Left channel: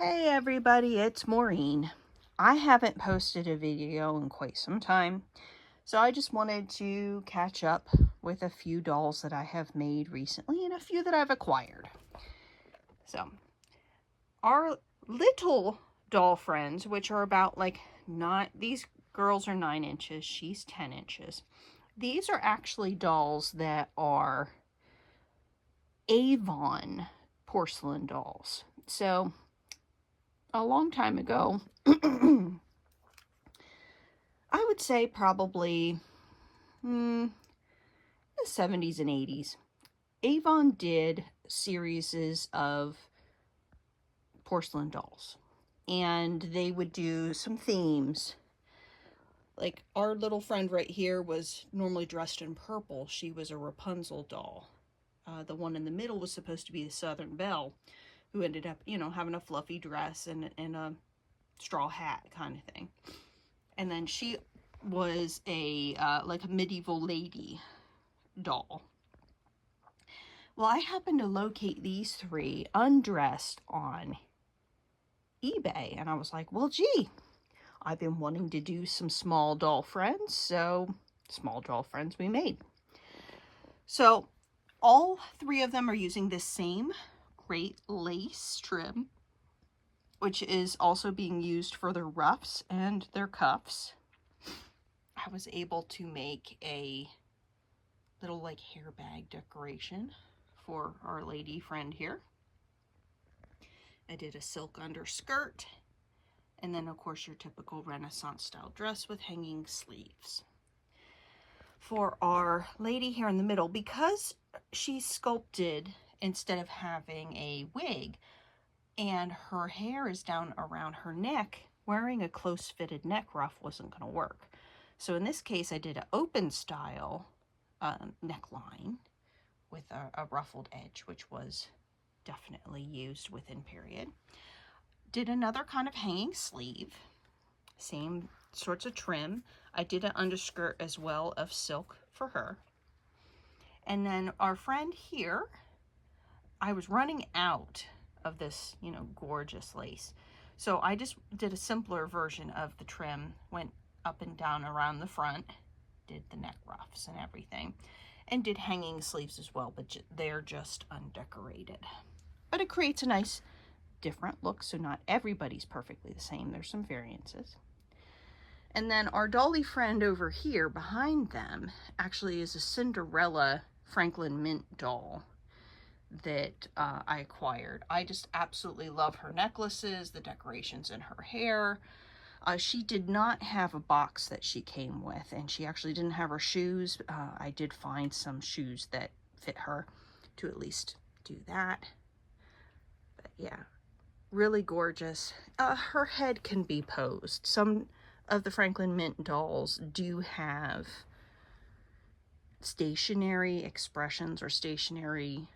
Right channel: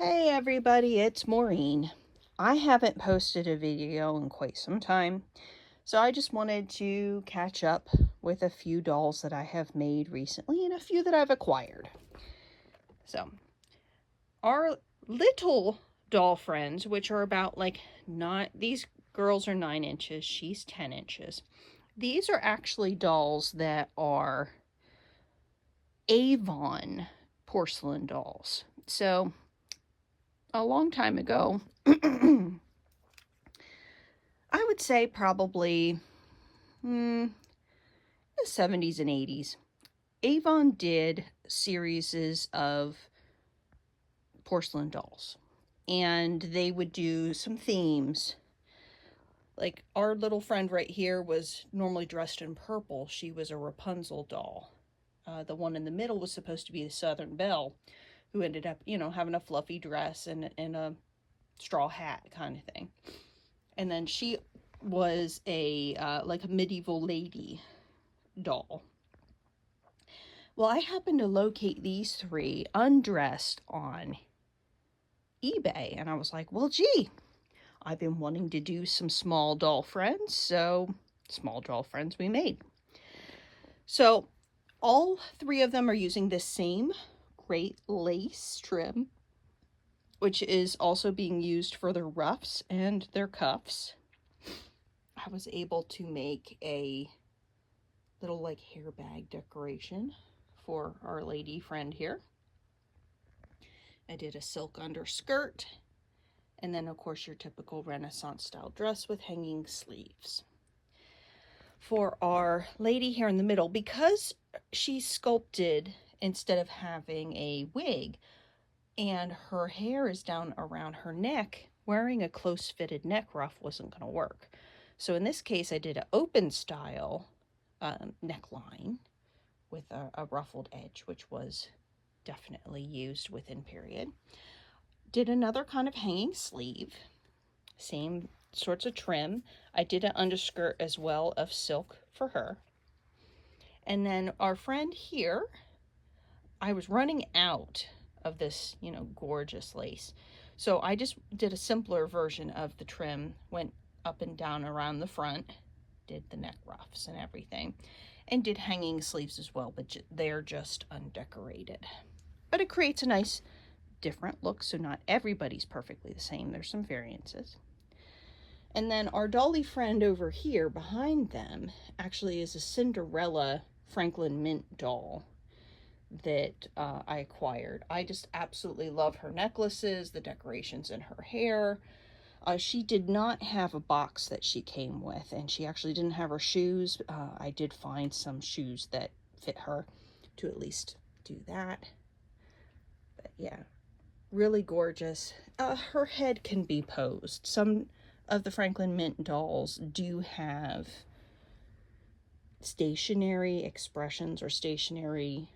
Hey everybody, it's Maureen. I haven't posted a video in quite some time, so I just wanted to catch up with a few dolls that I have made recently and a few that I've acquired. So, our little doll friends, which are about these girls are 9 inches, she's 10 inches. These are actually dolls that are Avon porcelain dolls. So, a long time ago, I would say probably the 70s and 80s, Avon did series of porcelain dolls, and they would do some themes. Like our little friend right here was normally dressed in purple. She was a Rapunzel doll. The one in the middle was supposed to be the Southern Belle, who ended up, having a fluffy dress and a straw hat kind of thing. And then she was a medieval lady doll. Well, I happened to locate these three undressed on eBay, and I was like, well, gee, I've been wanting to do some small doll friends, so small doll friends we made. So all three of them are using this same great lace trim, which is also being used for their ruffs and their cuffs. I was able to make a little hair bag decoration for our lady friend here. I did a silk underskirt, and then of course your typical Renaissance style dress with hanging sleeves. For our lady here in the middle, because she's sculpted instead of having a wig and her hair is down around her neck, wearing a close fitted neck ruff wasn't going to work. So in this case I did an open style neckline with a ruffled edge, which was definitely used within period. Did another kind of hanging sleeve, same sorts of trim. I did an underskirt as well of silk for her. And then our friend here, I was running out of this, gorgeous lace. So I just did a simpler version of the trim, went up and down around the front, did the neck ruffs and everything, and did hanging sleeves as well, but they're just undecorated. But it creates a nice different look, so not everybody's perfectly the same. There's some variances. And then our Dolly friend over here behind them actually is a Cinderella Franklin Mint doll that I acquired. I just absolutely love her necklaces, the decorations in her hair. She did not have a box that she came with, and she actually didn't have her shoes. I did find some shoes that fit her to at least do that. But yeah, really gorgeous. Her head can be posed. Some of the Franklin Mint dolls do have stationary expressions or stationary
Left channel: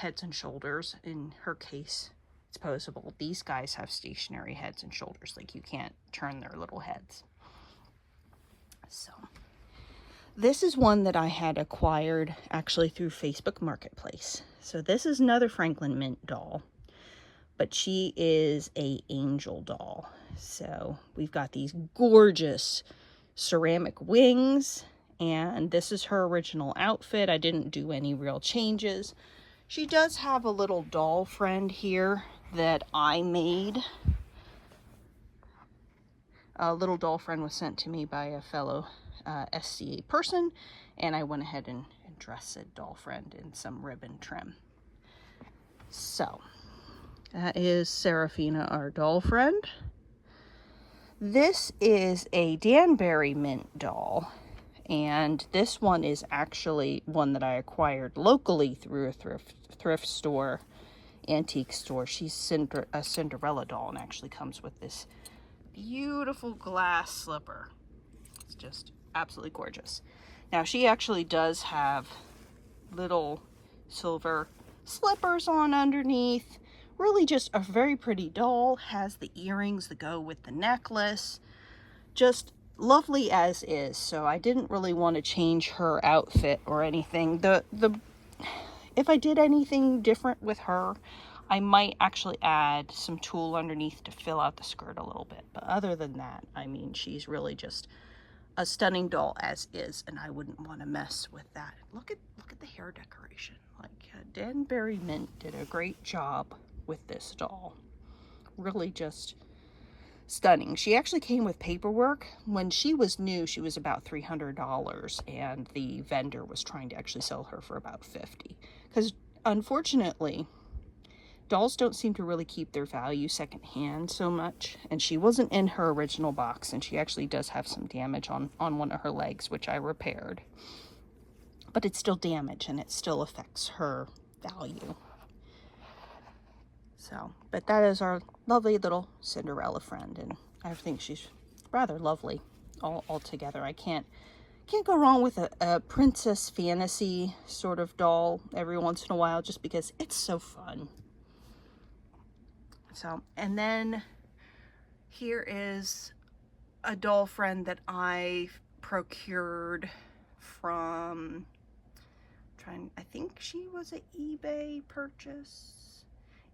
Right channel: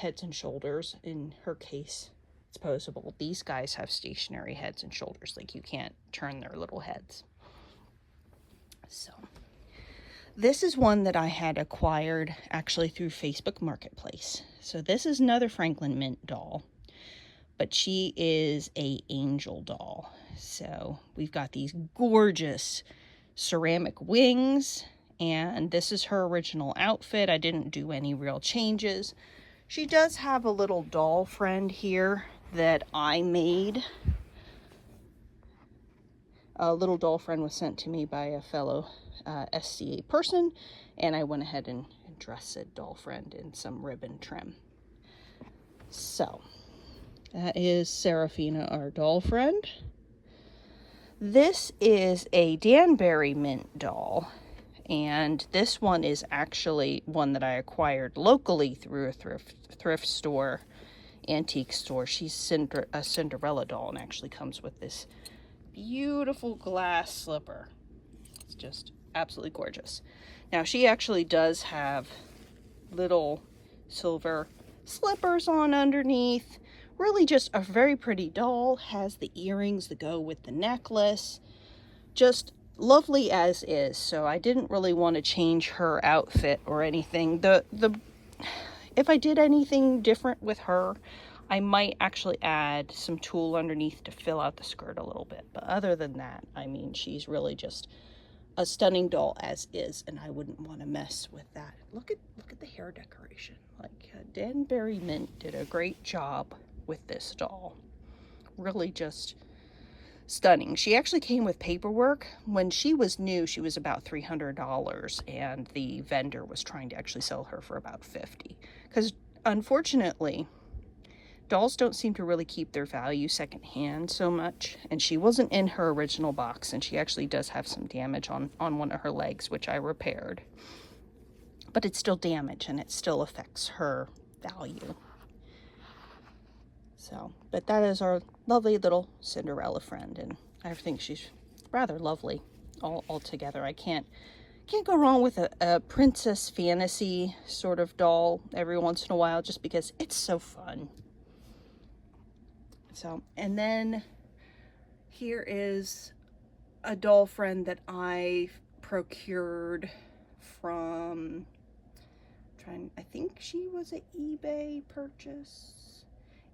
heads and shoulders. In her case, it's posable. These guys have stationary heads and shoulders, like you can't turn their little heads. So this is one that I had acquired actually through Facebook Marketplace. So this is another Franklin Mint doll, but she is a angel doll. So we've got these gorgeous ceramic wings, and this is her original outfit. I didn't do any real changes. She does have a little doll friend here that I made. A little doll friend was sent to me by a fellow SCA person, and I went ahead and dressed said doll friend in some ribbon trim. So that is Seraphina, our doll friend. This is a Danbury Mint doll, and this one is actually one that I acquired locally through a thrift store, antique store. She's a Cinderella doll and actually comes with this beautiful glass slipper. It's just absolutely gorgeous. Now she actually does have little silver slippers on underneath. Really just a very pretty doll. Has the earrings that go with the necklace. Just lovely as is. So I didn't really want to change her outfit or anything. If I did anything different with her, I might actually add some tulle underneath to fill out the skirt a little bit. But other than that, I mean, she's really just a stunning doll as is, and I wouldn't want to mess with that. Look at the hair decoration. Like, Danbury Mint did a great job with this doll. Really just stunning. She actually came with paperwork. When she was new, she was about $300, and the vendor was trying to actually sell her for about $50. Because unfortunately, dolls don't seem to really keep their value secondhand so much. And she wasn't in her original box, and she actually does have some damage on one of her legs, which I repaired. But it's still damage, and it still affects her value. So, but that is our lovely little Cinderella friend, and I think she's rather lovely all together. I can't go wrong with a princess fantasy sort of doll every once in a while, just because it's so fun. So, and then here is a doll friend that I procured from, I think she was an eBay purchase.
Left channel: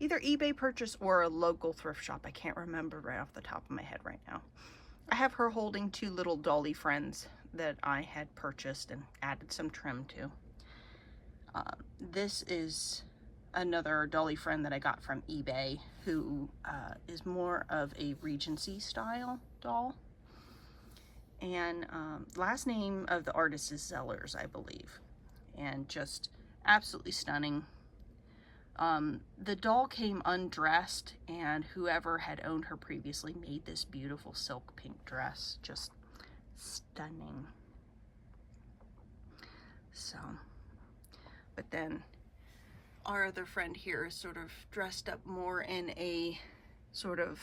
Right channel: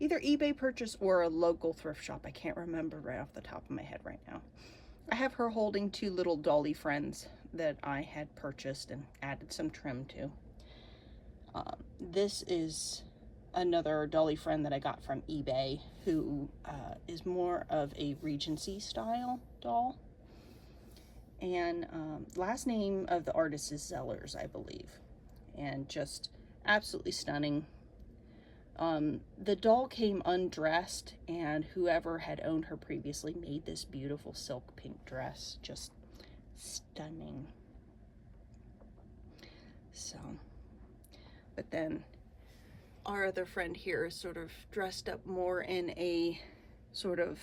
Either eBay purchase or a local thrift shop. I can't remember right off the top of my head right now. I have her holding two little Dolly Friends that I had purchased and added some trim to. This is another Dolly Friend that I got from eBay, who is more of a Regency style doll. And last name of the artist is Zellers, I believe. And just absolutely stunning. The doll came undressed, and whoever had owned her previously made this beautiful silk pink dress. Just stunning. So, but then our other friend here is sort of dressed up more in a sort of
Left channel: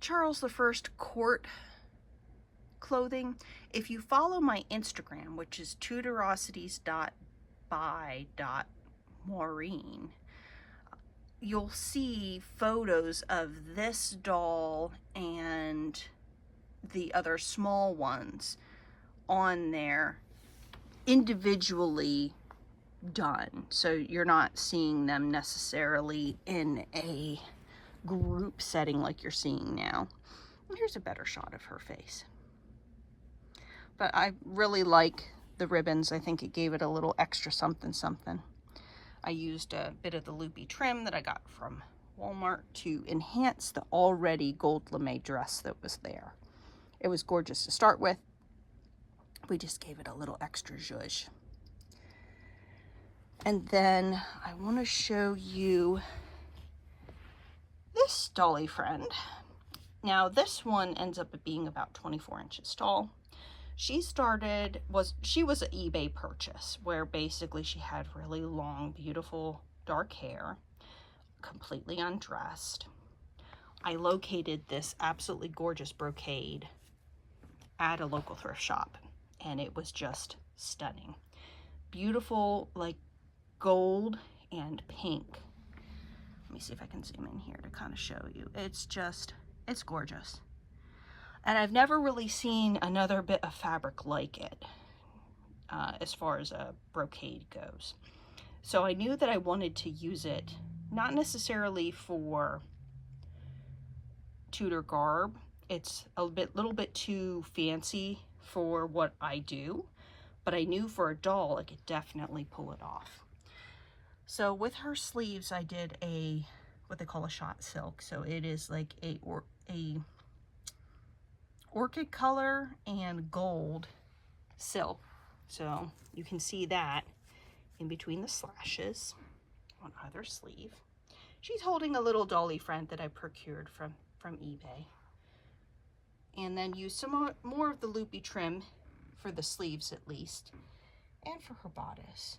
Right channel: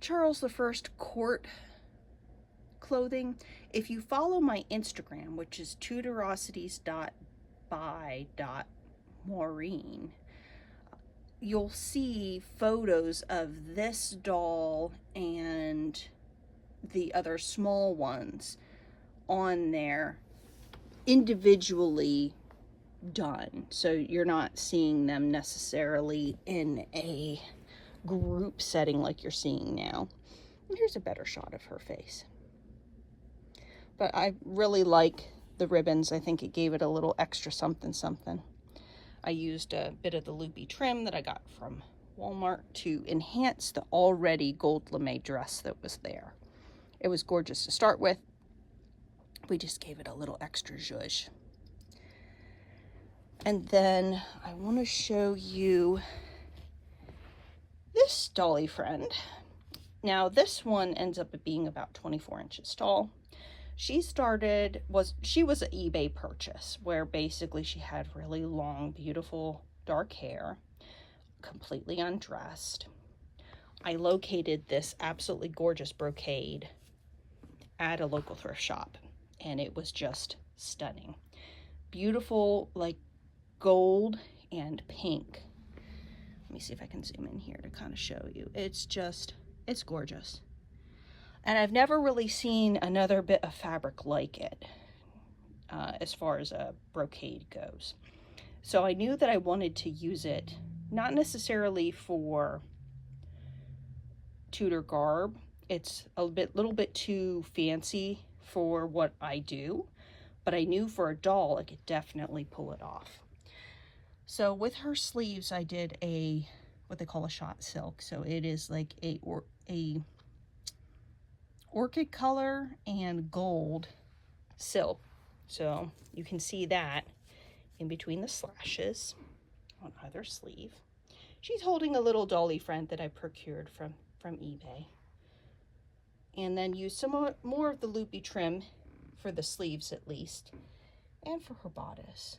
Charles I court clothing. If you follow my Instagram, which is tudorosities.by.maureen, you'll see photos of this doll and the other small ones on there individually done. So you're not seeing them necessarily in a group setting like you're seeing now. Here's a better shot of her face. But I really like the ribbons. I think it gave it a little extra something something. I used a bit of the loopy trim that I got from Walmart to enhance the already gold lame dress that was there. It was gorgeous to start with. We just gave it a little extra zhuzh. And then I want to show you this Dolly Friend. Now this one ends up being about 24 inches tall. She was an eBay purchase where basically she had really long, beautiful, dark hair, completely undressed. I located this absolutely gorgeous brocade at a local thrift shop, and it was just stunning. Beautiful, like gold and pink. Let me see if I can zoom in here to kind of show you. It's gorgeous. And I've never really seen another bit of fabric like it as far as a brocade goes. So I knew that I wanted to use it, not necessarily for Tudor garb. It's a little bit too fancy for what I do, but I knew for a doll I could definitely pull it off. So with her sleeves, I did what they call a shot silk. So it is like a orchid color and gold silk. So you can see that in between the slashes on either sleeve. She's holding a little Dolly Friend that I procured from eBay. And then use some more of the loopy trim for the sleeves at least, and for her bodice.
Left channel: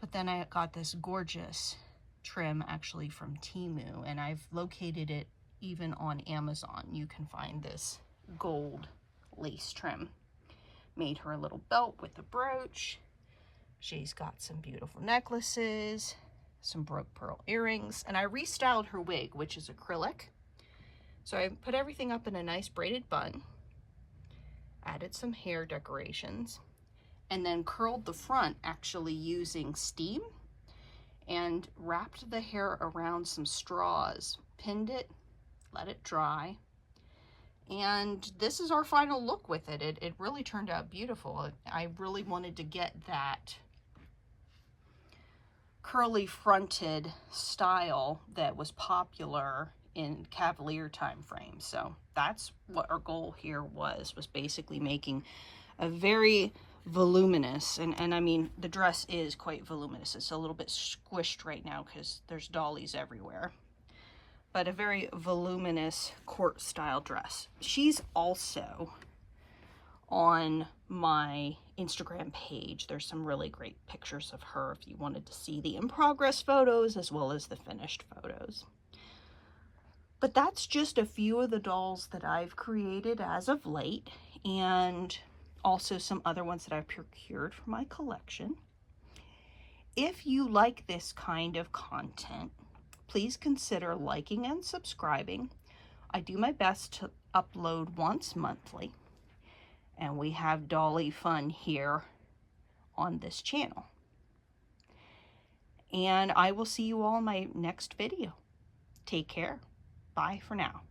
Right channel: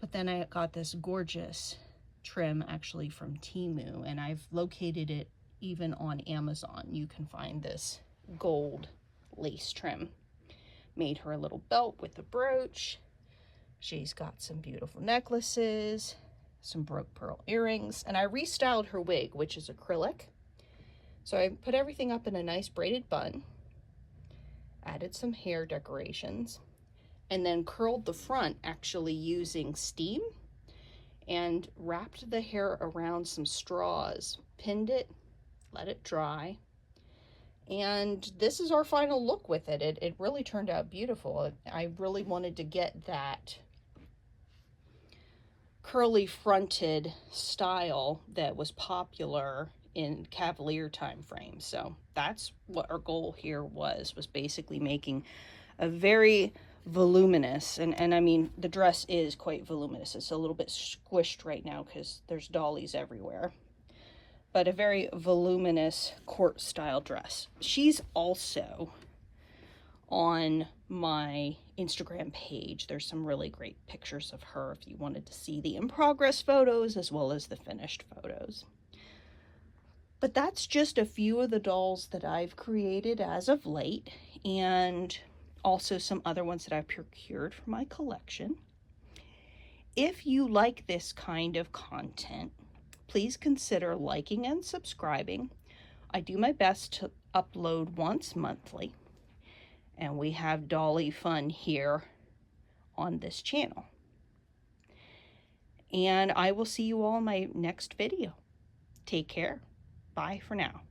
But then I got this gorgeous trim actually from Temu, and I've located it even on Amazon. You can find this gold lace trim. Made her a little belt with a brooch. She's got some beautiful necklaces, some broke pearl earrings, and I restyled her wig, which is acrylic. So I put everything up in a nice braided bun, added some hair decorations, and then curled the front actually using steam and wrapped the hair around some straws, pinned it, let it dry. And this is our final look with it. It really turned out beautiful. I really wanted to get that curly fronted style that was popular in Cavalier time frame. So that's what our goal here was basically making a very voluminous, and I mean, the dress is quite voluminous. It's a little bit squished right now because there's dollies everywhere, but a very voluminous court style dress. She's also on my Instagram page. There's some really great pictures of her if you wanted to see the in progress photos as well as the finished photos. But that's just a few of the dolls that I've created as of late, and also some other ones that I've procured for my collection. If you like this kind of content, please consider liking and subscribing. I do my best to upload once monthly, and we have Dolly fun here on this channel. And I will see you all in my next video. Take care. Bye for now.